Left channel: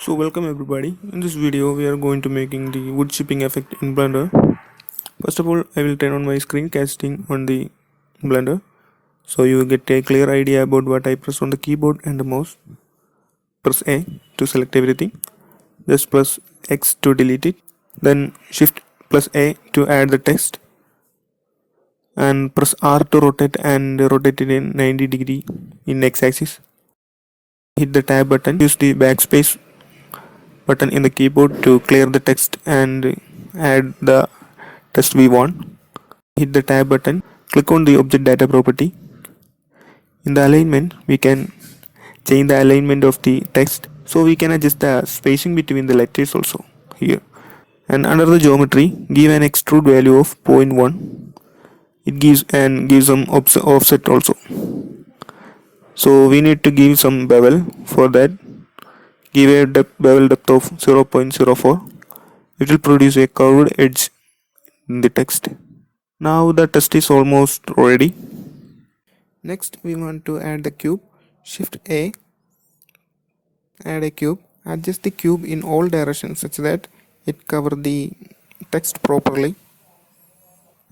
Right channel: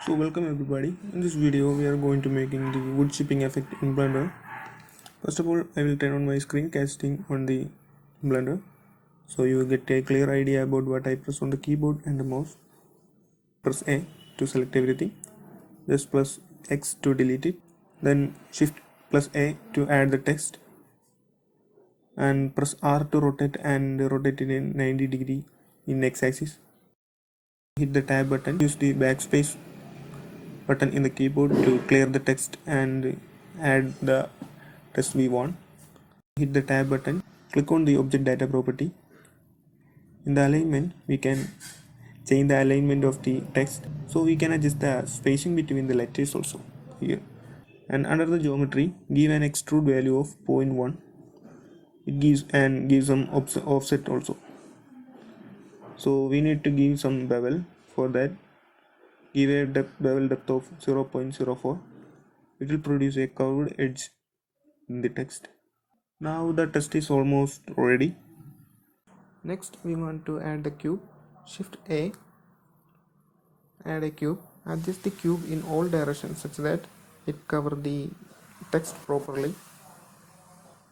So welcome everybody. In this video we are going to making the wood chipping effect in Blender. First of all, I will turn on my screencasting on the Blender so you get a clear idea about what I press on the keyboard and the mouse. Press A to select everything. Just press X to delete it. Then shift plus A to add the text. And press R to rotate and rotate it in 90 degree in X axis. Hit the tab button. Use the backspace button in the keyboard to clear the text and add the text we want. Hit the tab button, click on the object data property. In the alignment, we can change the alignment of the text, so we can adjust the spacing between the letters also here. And under the geometry, give an extrude value of 0.1. It gives some offset also. So we need to give some bevel. For that, give a bevel depth of 0.04. It will produce a curved edge in the text. Now the text is almost ready. Next we want to add the cube. Shift A, add a cube. Adjust the cube in all directions such that it cover the text properly,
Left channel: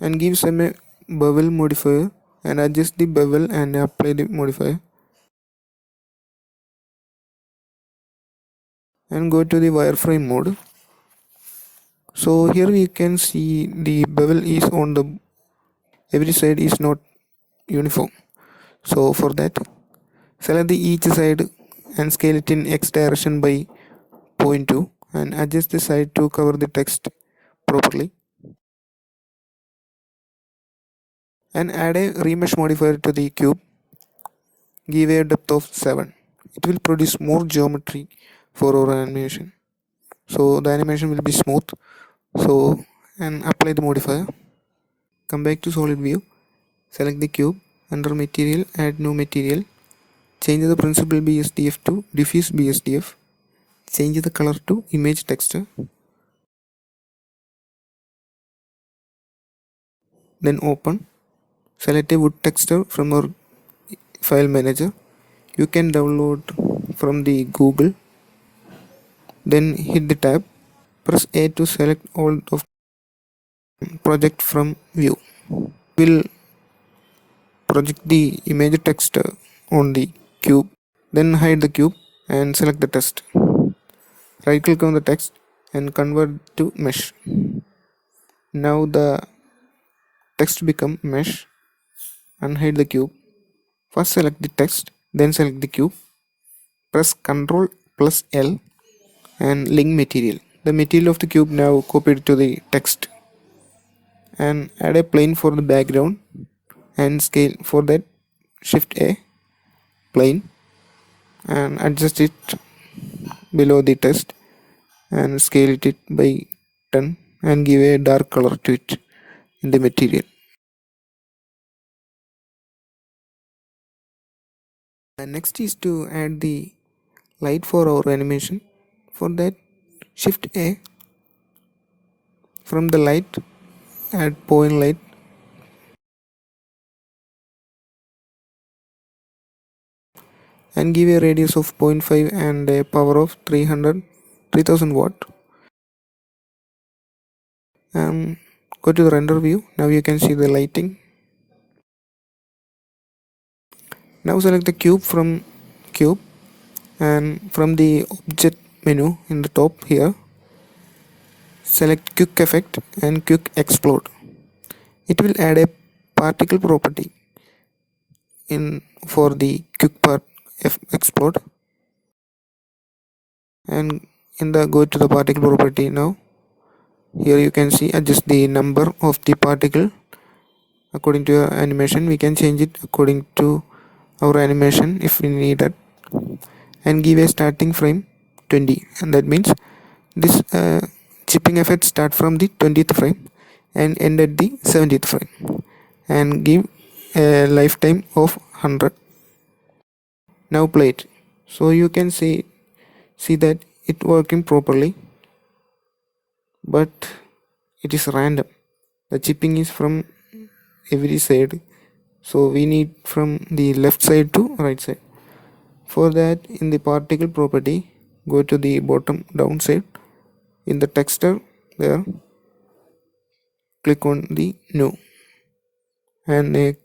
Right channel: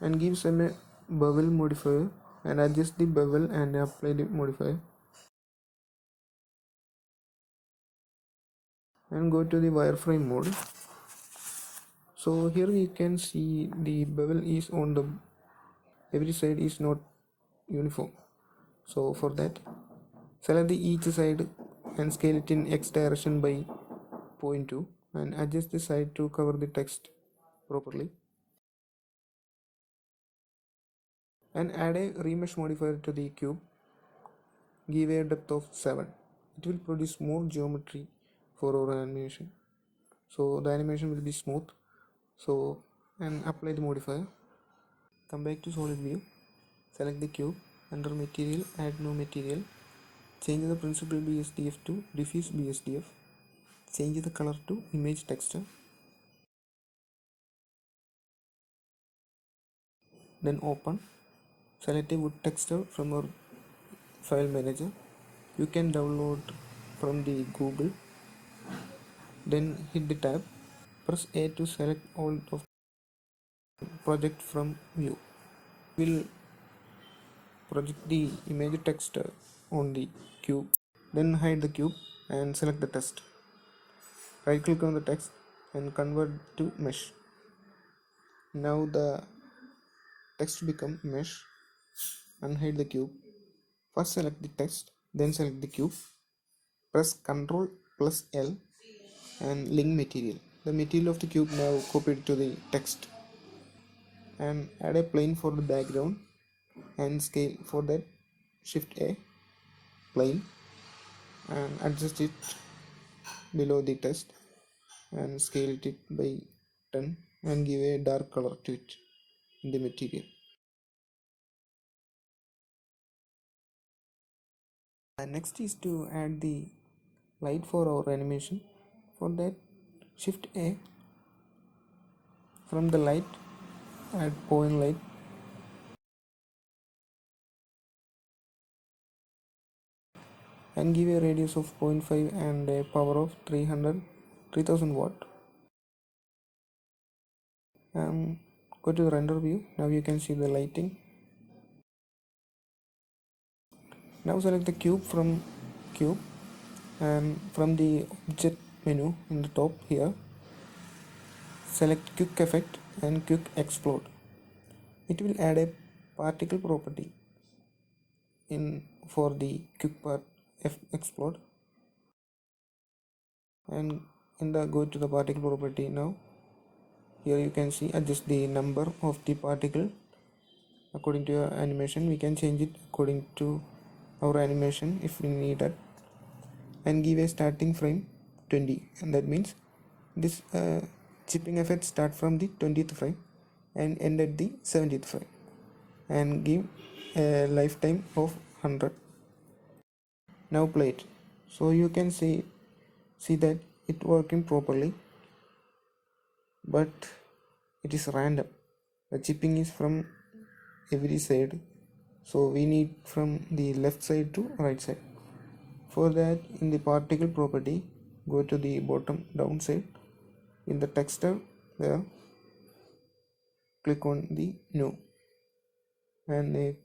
and give some bevel modifier and adjust the bevel and apply the modifier, and go to the wireframe mode. So here we can see the bevel is on the every side is not uniform. So for that, select the each side and scale it in X direction by 0.2 and adjust the side to cover the text properly, and add a remesh modifier to the cube. Give a depth of 7. It will produce more geometry for our animation, so the animation will be smooth. So, and apply the modifier. Come back to solid view, select the cube, under material add new material, change the principled BSDF to diffuse BSDF, change the color to image texture, then open. Select a wood texture from our file manager. You can download from the Google. Then hit the tab, press A to select all of project from view. We'll project the image texture on the cube, then hide the cube and select the text. Right click on the text and convert to mesh. Now the text become mesh. Unhide the cube. First select the text, then select the cube. Press Ctrl plus L and link material. The material of the cube now copied to the text, and add a plane for the background and scale. For that, shift A, plane, and adjust it below the text and scale it by 10 and give a dark color to it in the material. And next is to add the light for our animation. For that, shift A, from the light add point light, and give a radius of 0.5 and a power of 3000 watt. And go to the render view. Now you can see the lighting. Now select the cube from cube, and from the object menu in the top here, select quick effect and quick explode. It will add a particle property in for the quick part explode, and in the go to the particle property. Now here you can see adjust the number of the particle according to your animation. We can change it according to our animation if we need it, and give a starting frame 20, and that means this chipping effect start from the 20th frame and end at the 70th frame, and give a lifetime of 100. Now play it, so you can see that it working properly, but it is random. The chipping is from every side, so we need from the left side to right side. For that, in the particle property, go to the bottom down side. In the texture there, click on the new, and a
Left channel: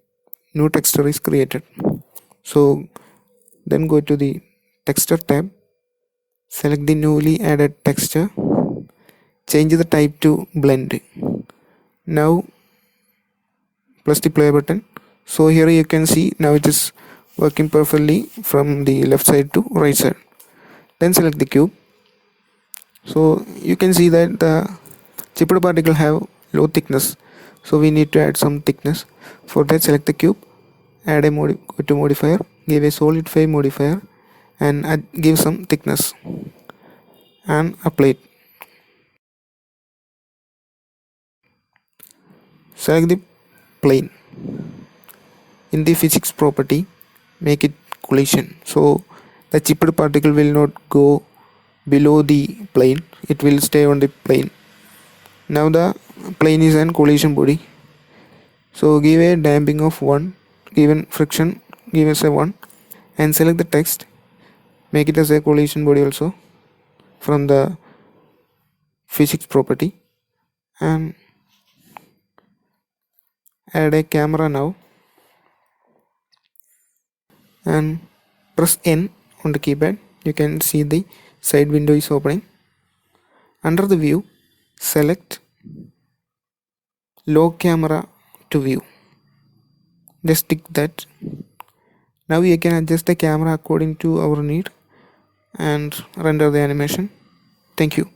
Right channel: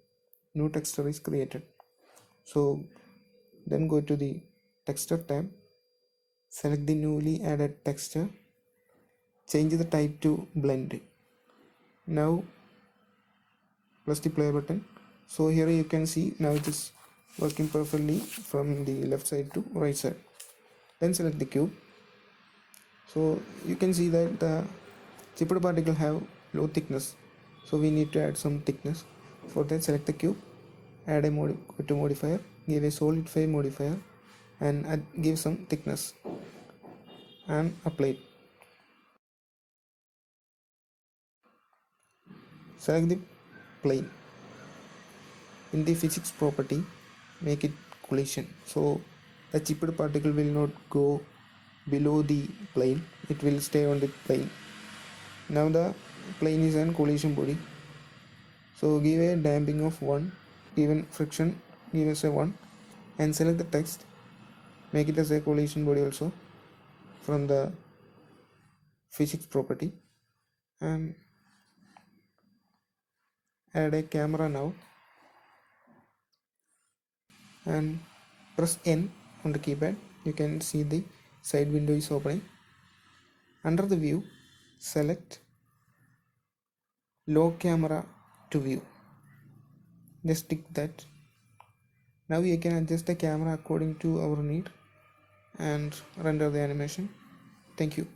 new texture is created. So then go to the texture tab, select the newly added texture, change the type to blend. Now press the play button. So here you can see now it is working perfectly from the left side to right side. Then select the cube. So you can see that the chipped particle have low thickness, so we need to add some thickness. For that, select the cube, add a go to modifier, give a solidify modifier, and give some thickness and apply it. Select the plane. In the physics property, make it collision, so the chipped particle will not go below the plane, it will stay on the plane. Now the plane is an collision body, so give a damping of 1, given friction give us a 1, and select the text, make it as a collision body also from the physics property, and add a camera now, and press N on the keypad. You can see the side window is opening. Under the view, select low camera to view, just tick that. Now we can adjust the camera according to our need and render the animation. Thank you.